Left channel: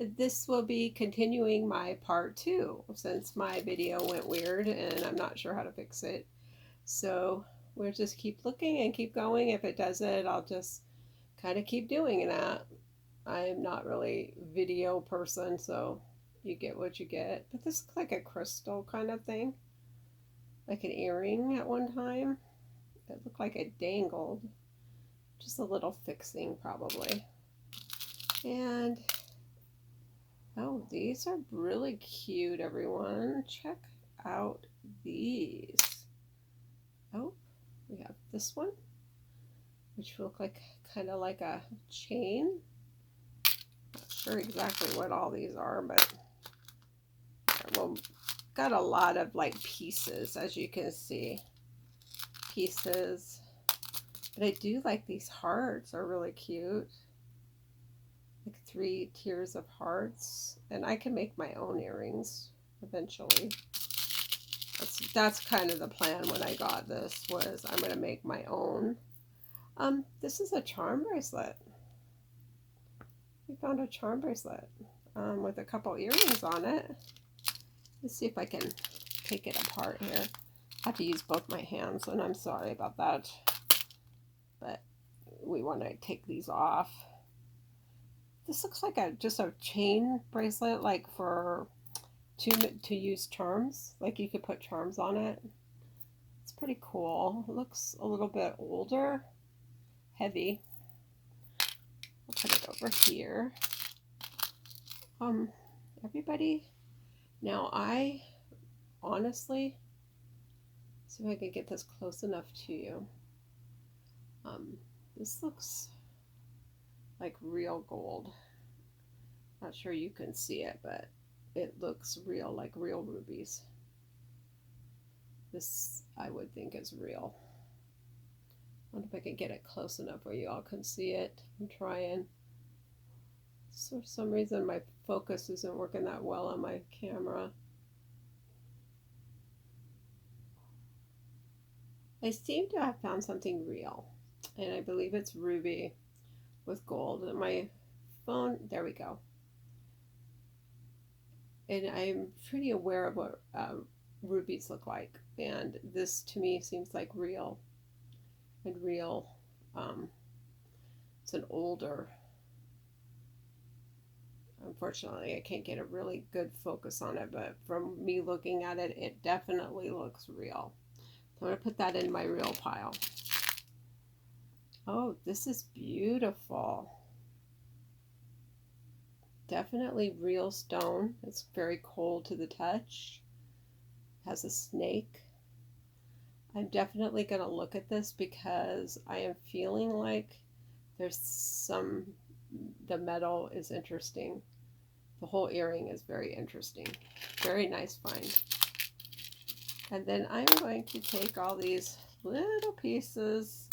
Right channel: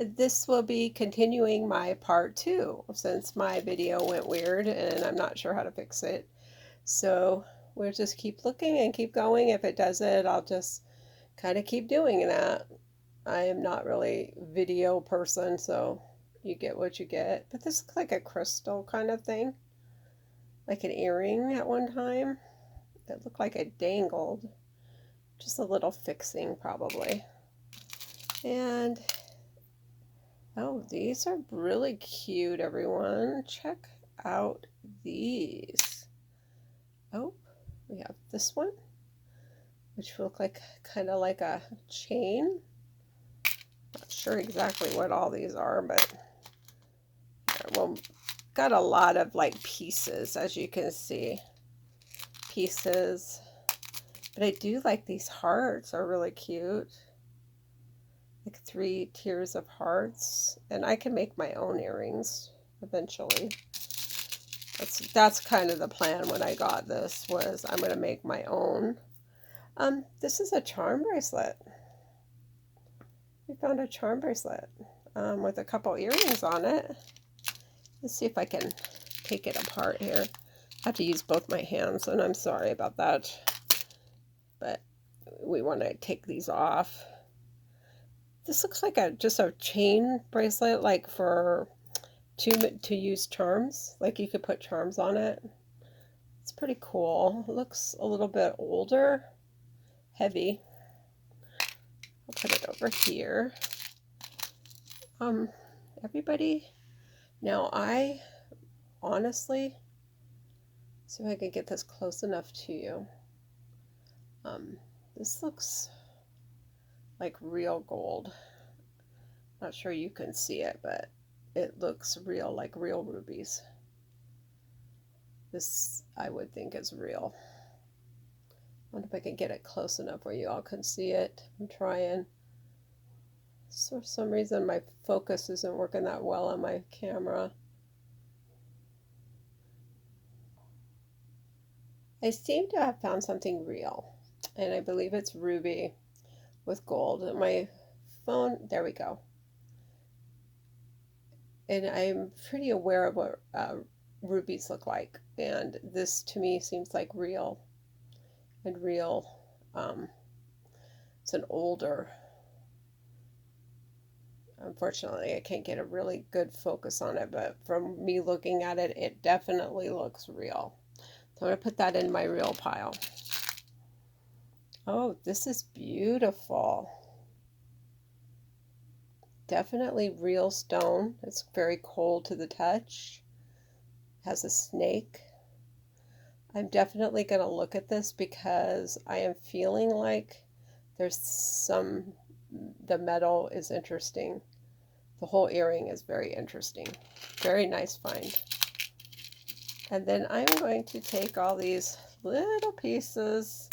this will be continuing my part two since my video went weird and I'm not sure how to fix it. So we'll just keep looking and keep going. If it does it, I'll just kind of keep doing that. I am not really video person, so you get what you get. But this looks like a crystal kind of thing, like an earring at one time. It looked like it dangled. Just a little fixing probably. And oh, these are really cute, everyone. Check out these. Oh, we have this one, which look like kind of like a chain. Not sure exactly what all these are, but well, got a lot of like pieces, as you can see. Pieces. But I do like these hearts, are really cute. Like 3 tiers of hearts. And I can make my own earrings eventually. That's kind of the plan when I got this, was I'm going to make my own. This is a charm bracelet. We found a charm bracelet with a couple earrings on it. Let's see if I can take it apart here. I have to use both my hands, and I'm sorry about that. But we want to take these off. This looks like just a chain bracelet, like for to use charms. Like you could put charms on it. It's pretty cool. It looks a little bit older, heavy. I'll put it over here. Everybody, now I honestly, see if I can get this close enough to you. This looks like real gold. Not sure you can see it, but it looks real, like real rubies. This I would think is real. I wonder if I can get it close enough where you all can see it. I'm trying. So for some reason my focus isn't working that well on my camera. I seem to have found something real, and I believe it's ruby with gold. And my phone, there we go. And I'm pretty aware of what rubies look like, and this to me seems like real. And real, it's an older, unfortunately I can't get a really good focus on it, but from me looking at it, it definitely looks real. So I'm going to put that in my real pile. Oh, this is beautiful. Definitely real stone. It's very cold to the touch. Has a snake. I'm definitely going to look at this because I am feeling like there's the metal is interesting. The whole earring is very interesting. Very nice find. And then I'm going to take all these little pieces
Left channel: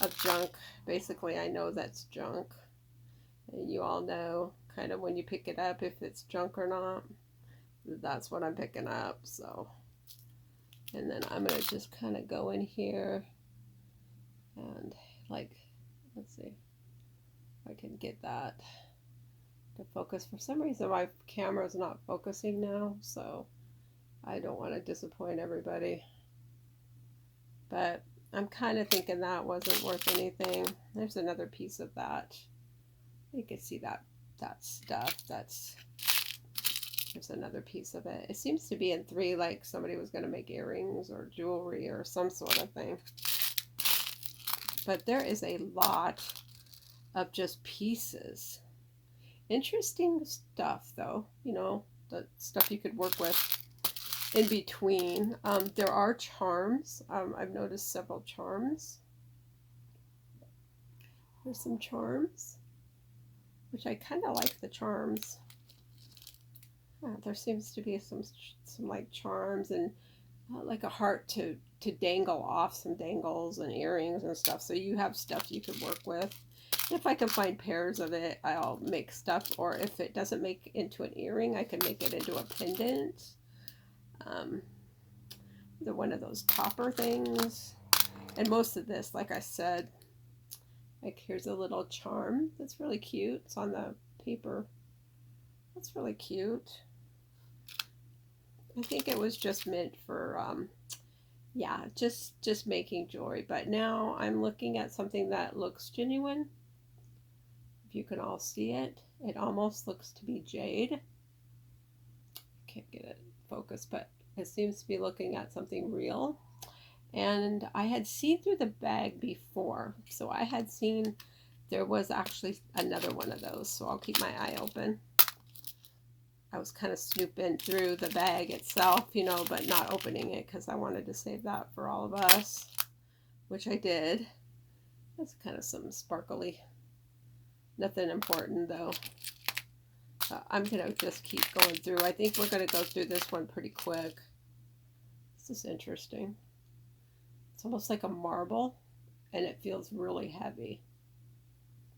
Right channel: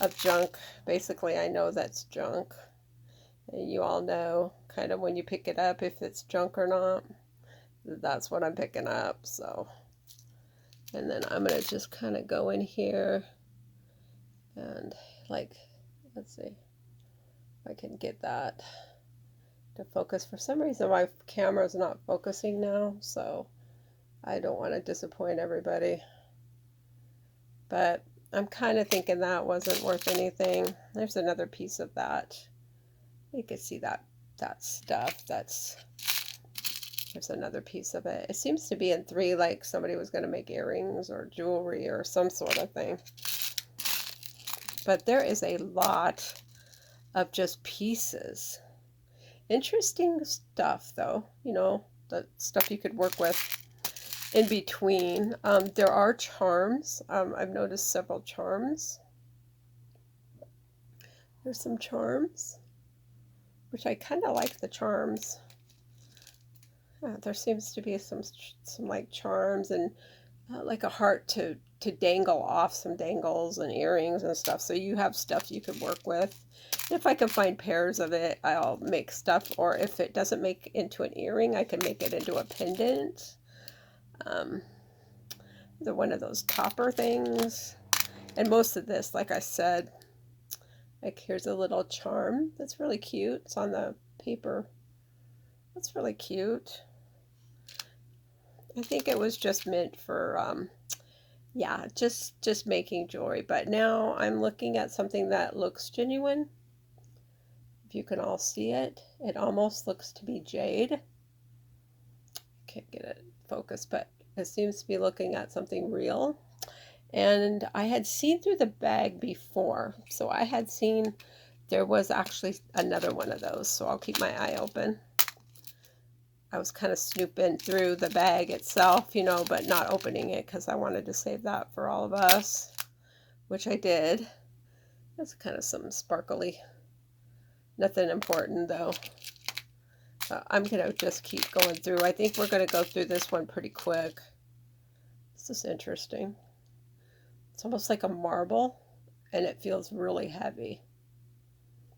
of junk. Basically, I know that's junk. And you all know kind of when you pick it up if it's junk or not. That's what I'm picking up. So, and then I'm going to just kind of go in here and like, let's see if I can get that to focus. For some reason my camera is not focusing now, so I don't want to disappoint everybody, but I'm kind of thinking that wasn't worth anything. There's another piece of that. You can see that stuff. There's another piece of it. It seems to be in 3, like somebody was going to make earrings or jewelry or some sort of thing. But there is a lot of just pieces. Interesting stuff, though. You know, the stuff you could work with in between. There are charms. I've noticed several charms. There's some charms, which I kind of like the charms. There seems to be some like charms and like a heart to dangle off, some dangles and earrings and stuff. So you have stuff you could work with. If I can find pairs of it, I'll make stuff. Or if it doesn't make into an earring, I can make it into a pendant. One of those topper things. And most of this, like I said, like here's a little charm that's really cute. It's on the paper. That's really cute. I think it was just meant for, yeah, just making jewelry. But now I'm looking at something that looks genuine. If you can all see it, it almost looks to be jade. Can't get it focused, but it seems to be looking at something real. And I had seen through the bag before, so I had seen there was actually another one of those, so I'll keep my eye open. I was kind of snooping through the bag itself, you know, but not opening it because I wanted to save that for all of us, which I did. That's kind of some sparkly, nothing important though. I'm going to just keep going through. I think we're going to go through this one pretty quick. This is interesting. It's almost like a marble, and it feels really heavy.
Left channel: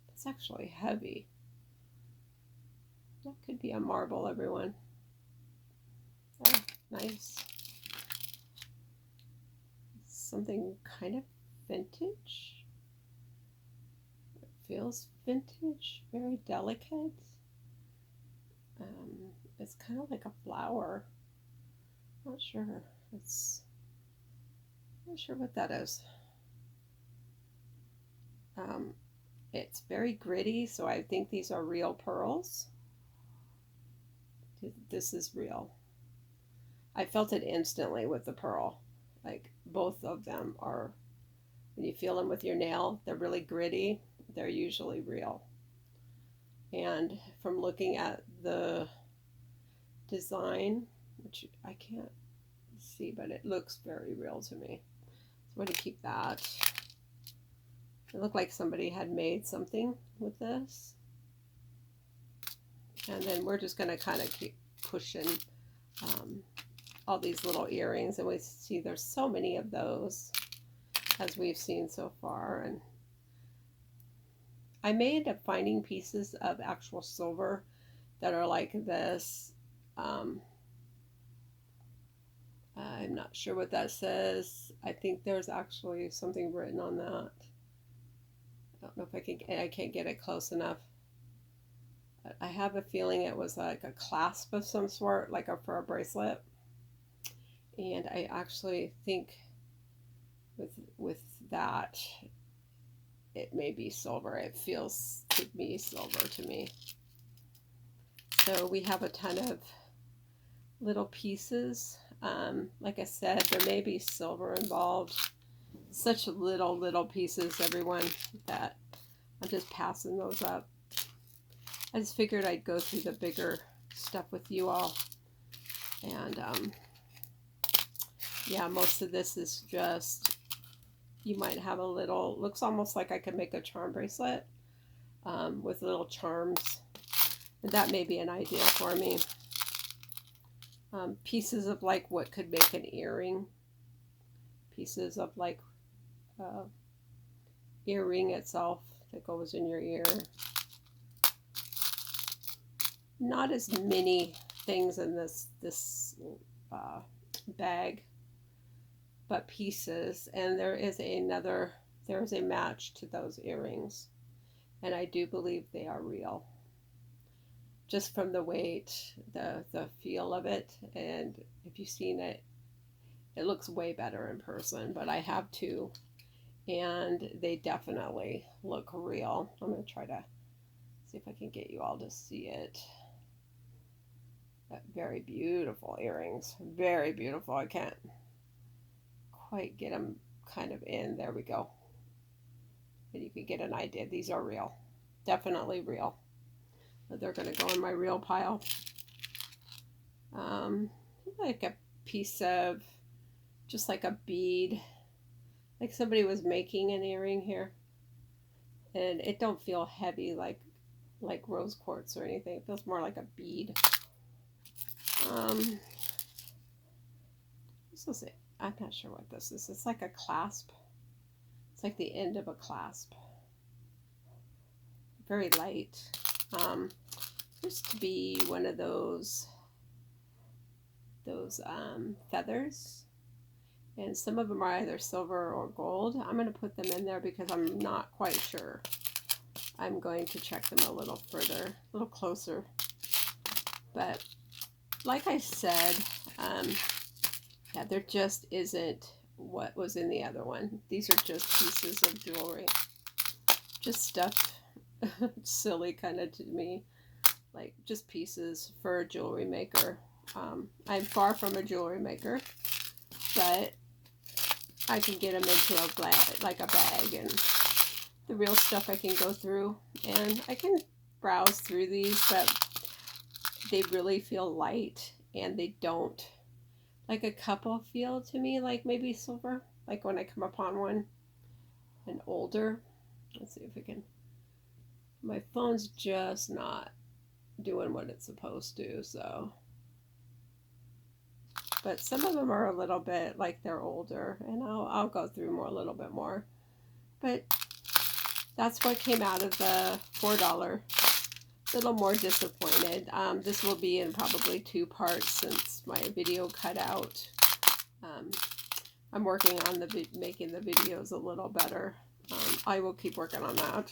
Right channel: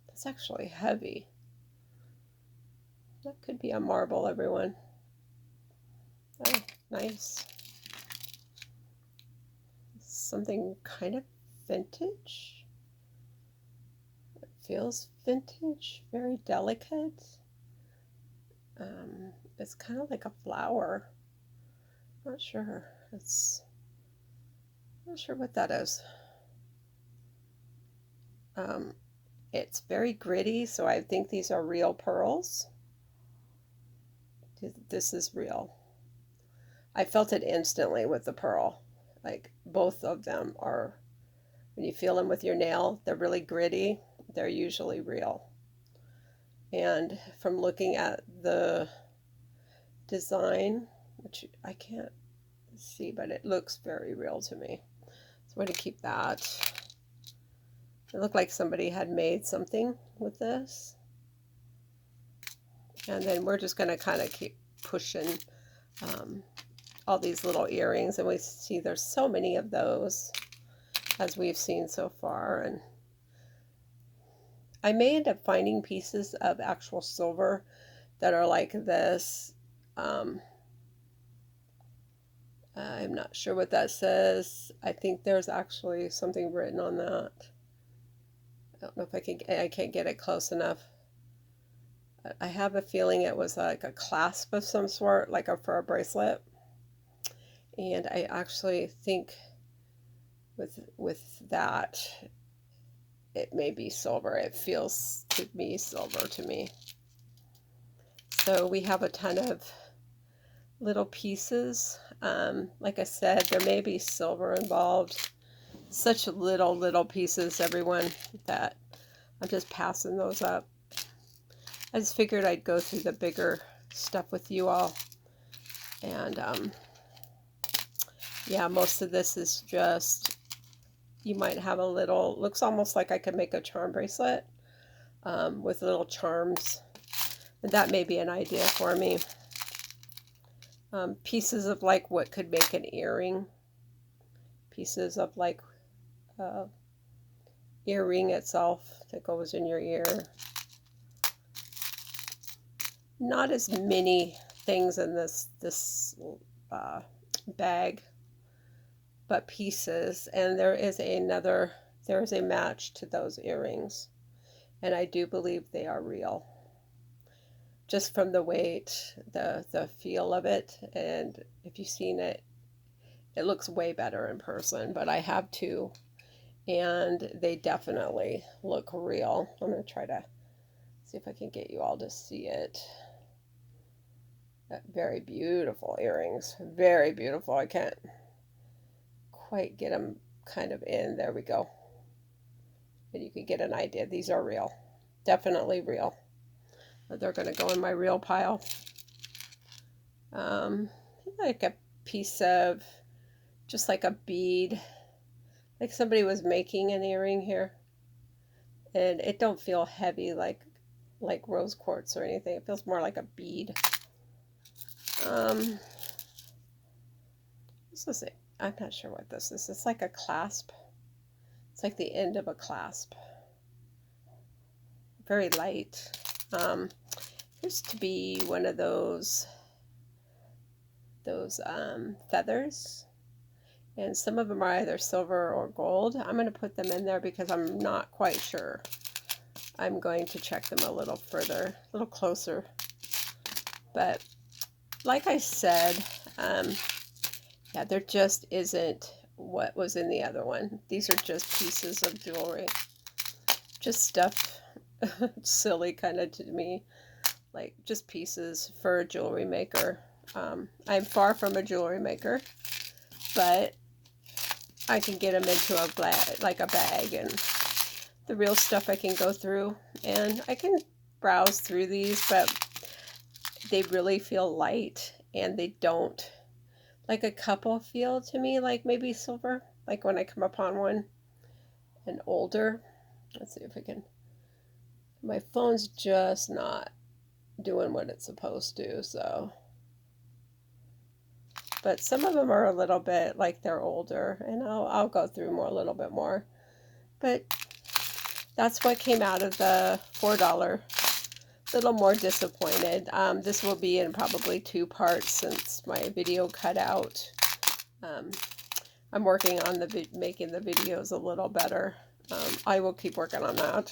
It's actually heavy. That could be a marble, everyone. Oh, nice. Something kind of vintage. It feels vintage, very delicate. It's kind of like a flower. Not sure. Not sure what that is. It's very gritty, so I think these are real pearls. This is real. I felt it instantly with the pearl. Like both of them are, when you feel them with your nail, they're really gritty. They're usually real. And from looking at the design, which I can't see, but it looks very real to me. So I'm going to keep that. It looked like somebody had made something with this. And then we're just going to kind of keep pushing all these little earrings. And we see there's so many of those as we've seen so far. And I may end up finding pieces of actual silver that are like this. I'm not sure what that says. I think there's actually something written on that. I don't know if I can't get it close enough. I have a feeling it was like a clasp of some sort, like for a bracelet. And I actually think with that, it may be silver. It feels to be silver to me. So we have a ton of little pieces. Like I said, there may be silver involved. Such little pieces, everyone, that I'm just passing those up. I just figured I'd go through the bigger stuff with you all. And yeah, most of this is just, you might have a little, looks almost like I could make a charm bracelet with little charms. And that may be an idea for me. Pieces of like what could make an earring. Pieces of like earring itself that goes in your ear. Not as many things in this bag, but pieces. And there is a match to those earrings, and I do believe they are real. Just from the weight, the feel of it, and if you've seen it, it looks way better in person. But I have two, and they definitely look real. I'm going to try to see if I can get you all to see it. Very beautiful earrings. Very beautiful. I can't quite get them kind of in. There we go. But you can get an idea. These are real. Definitely real. They're going to go in my real pile. Like a piece of, just like a bead. Like somebody was making an earring here. And it don't feel heavy like rose quartz or anything. It feels more like a bead. This is it. I'm not sure what this is. It's like a clasp. It's like the end of a clasp. Very light. Used to be one of those feathers, and some of them are either silver or gold. I'm going to put them in there because I'm not quite sure. I'm going to check them a little further, a little closer But like I said, yeah, there just isn't what was in the other one. These are just pieces of jewelry. Just stuff, silly kind of to me, like just pieces for a jewelry maker. I'm far from a jewelry maker, but I can get them into like a bag, and the real stuff I can go through, and I can browse through these, but they really feel light, and they don't, like a couple feel to me like maybe silver, like when I come upon one, and older. Let's see if I can, my phone's just not doing what it's supposed to, so, but some of them are a little bit like they're older, and I'll go through more, a little bit more, but that's what came out of the $4. A little more disappointed. This will be in probably 2 parts since my video cut out. I'm working on making the videos a little better. I will keep working on that.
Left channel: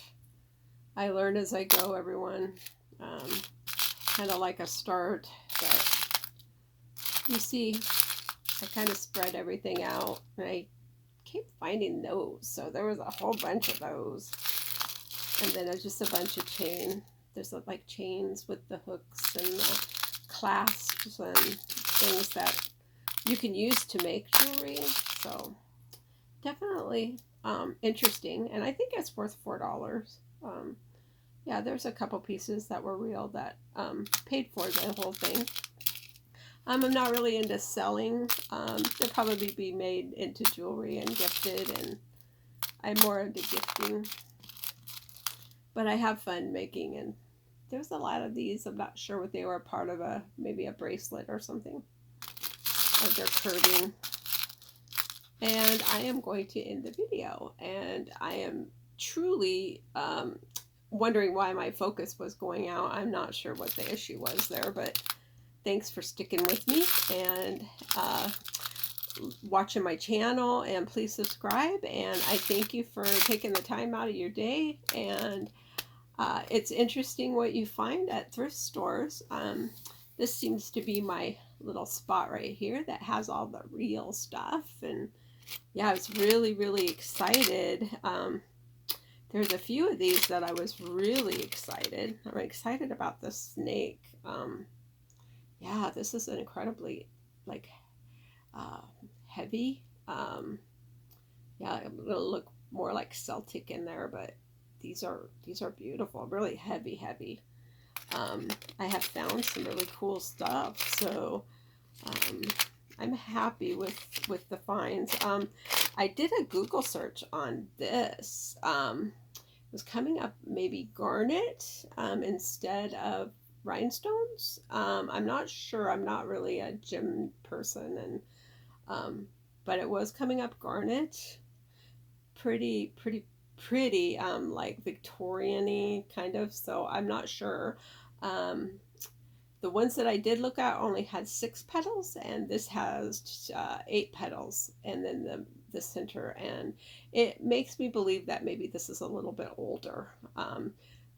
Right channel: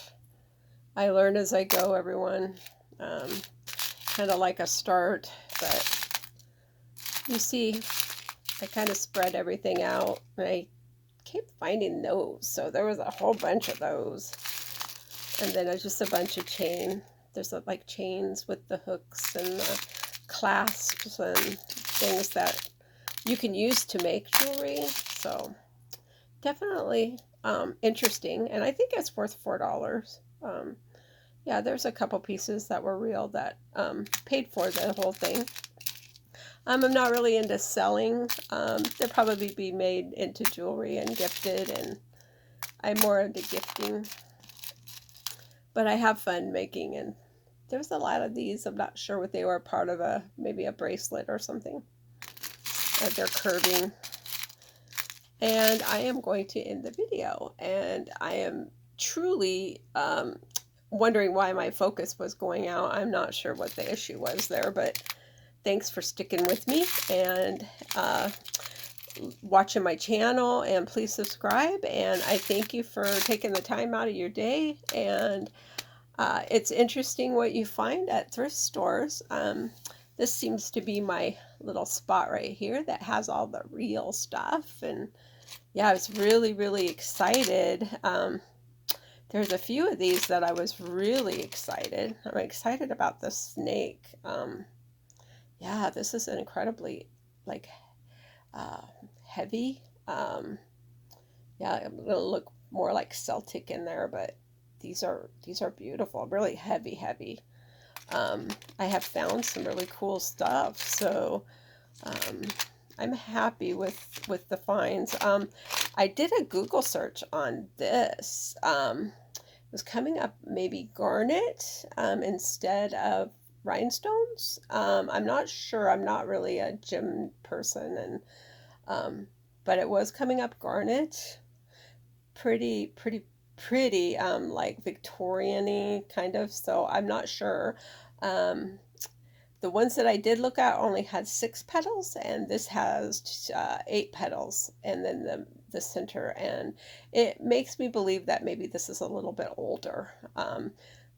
I learn as I go, everyone. Kind of like a start, but you see, I kind of spread everything out. And I kept finding those, so there was a whole bunch of those. And then there's just a bunch of chain. There's like chains with the hooks and the clasps and things that you can use to make jewelry. So definitely interesting, and I think it's worth $4. Yeah, there's a couple pieces that were real that paid for the whole thing. I'm not really into selling. They'll probably be made into jewelry and gifted, and I'm more into gifting. But I have fun making, and there's a lot of these. I'm not sure what they were, part of maybe a bracelet or something. Or they're curving. And I am going to end the video, and I am truly wondering why my focus was going out. I'm not sure what the issue was there, but thanks for sticking with me and watching my channel, and please subscribe, and I thank you for taking the time out of your day. And it's interesting what you find at thrift stores. This seems to be my little spot right here that has all the real stuff, and yeah, I was really, really excited. There's a few of these that I was really excited. I'm excited about the snake. Yeah, this is an incredibly like heavy. Yeah, it'll look more like Celtic in there, but these are beautiful, really heavy. I have found some really cool stuff, so I'm happy with the finds. I did a Google search on this. It was coming up maybe garnet instead of rhinestones. I'm not sure. I'm not really a gem person, and but it was coming up garnet. Pretty, like Victorian-y kind of. So I'm not sure. The ones that I did look at only had 6 petals, and this has 8 petals, and then the center, and it makes me believe that maybe this is a little bit older.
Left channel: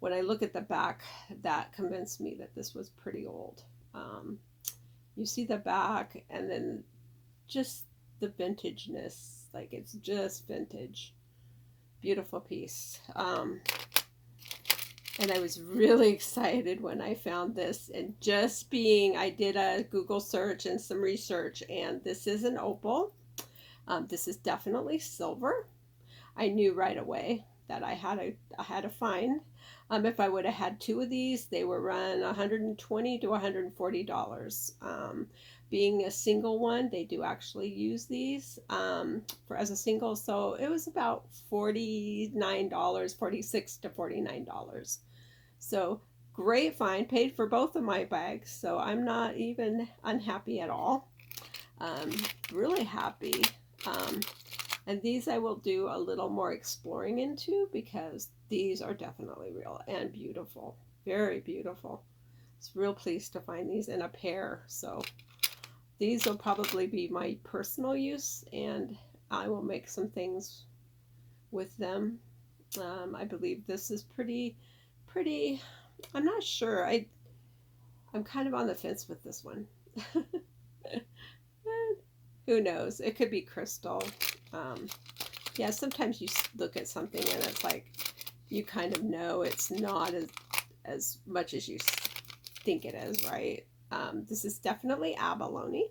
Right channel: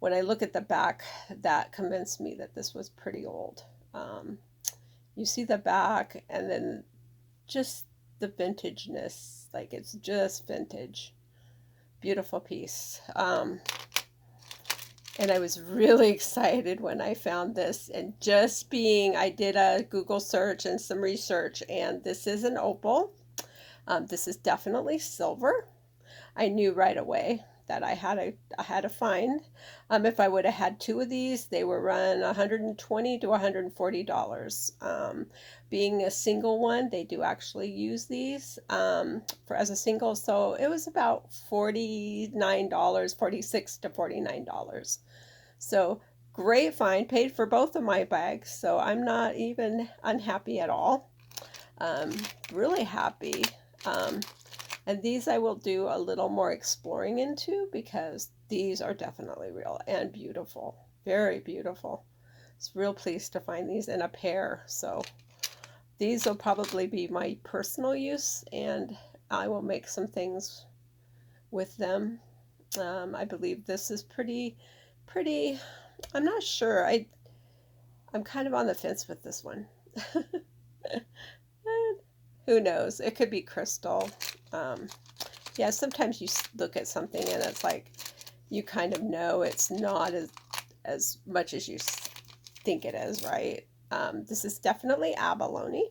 When I look at the back, that convinced me that this was pretty old. You see the back, and then just the vintageness, like it's just vintage. Beautiful piece. And I was really excited when I found this, and I did a Google search and some research, and this is an opal. This is definitely silver. I knew right away that I had a find. If I would have had 2 of these, they were run $120 to $140. Being a single one, they do actually use these for as a single, so it was about $49, $46 to $49. So great find, paid for both of my bags, so I'm not even unhappy at all. Really happy. And these I will do a little more exploring into, because these are definitely real and beautiful. Very beautiful. It's real pleased to find these in a pair. So these will probably be my personal use, and I will make some things with them. I believe this is pretty. I'm not sure. I'm kind of on the fence with this one. Who knows? It could be crystal. Um, yeah, sometimes you look at something and it's like you kind of know it's not as much as you think it is, right? This is definitely abalone.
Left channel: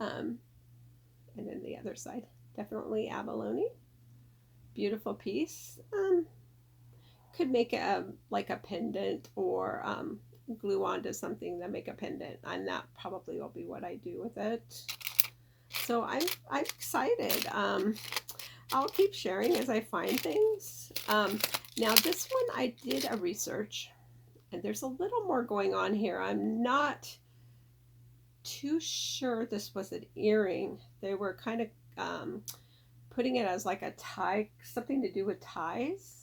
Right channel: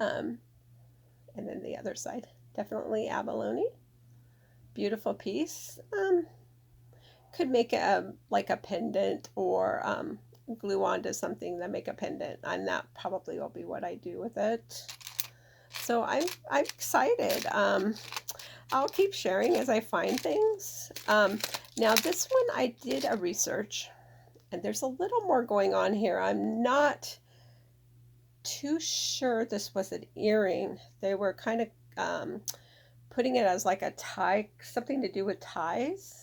Um, and then the other side, definitely abalone. Beautiful piece. Could make a like a pendant or glue onto something to make a pendant, and that probably will be what I do with it. So I'm excited. I'll keep sharing as I find things. Now this one I did a research, and there's a little more going on here. I'm not too sure this was an earring. They were kind of putting it as like a tie, something to do with ties.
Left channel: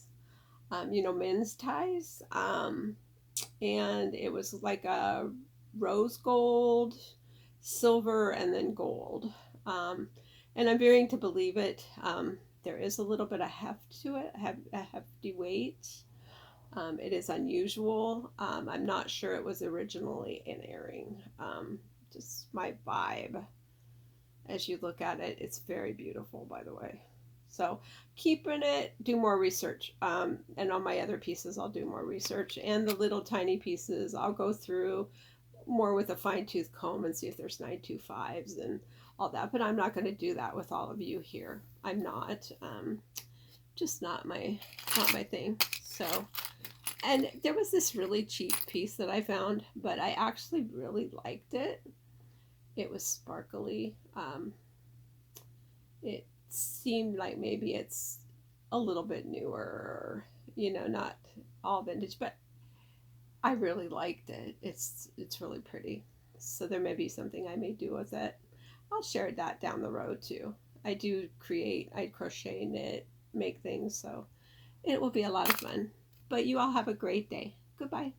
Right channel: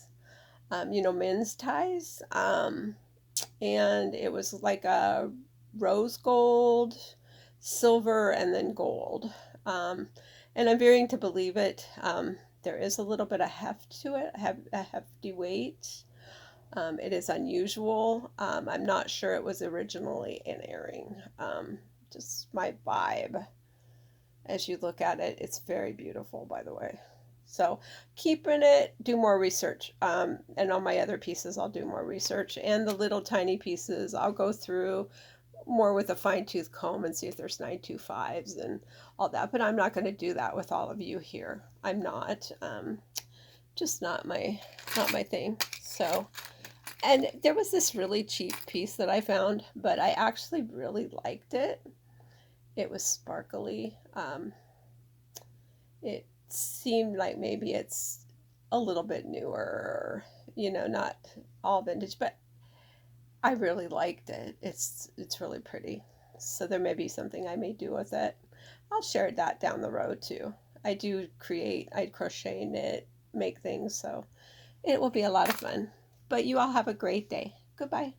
Men's ties. And it was like a rose gold, silver, and then gold. Um, and I'm veering to believe it. There is a little bit of heft to it, a hefty weight. It is unusual. I'm not sure it was originally an earring. Just my vibe. As you look at it, it's very beautiful, by the way. So keeping it, do more research. And on my other pieces, I'll do more research. And the little tiny pieces, I'll go through more with a fine tooth comb and see if there's 925s and all that. But I'm not going to do that with all of you here. I'm not. Just not my thing. So, and there was this really cheap piece that I found, but I actually really liked it. It was sparkly. It seemed like maybe it's a little bit newer, not all vintage, but I really liked it. It's really pretty. So there may be something I may do with it. I'll share that down the road too. I crochet, knit, make things, so it will be a lot of fun. But you all have a great day. Goodbye.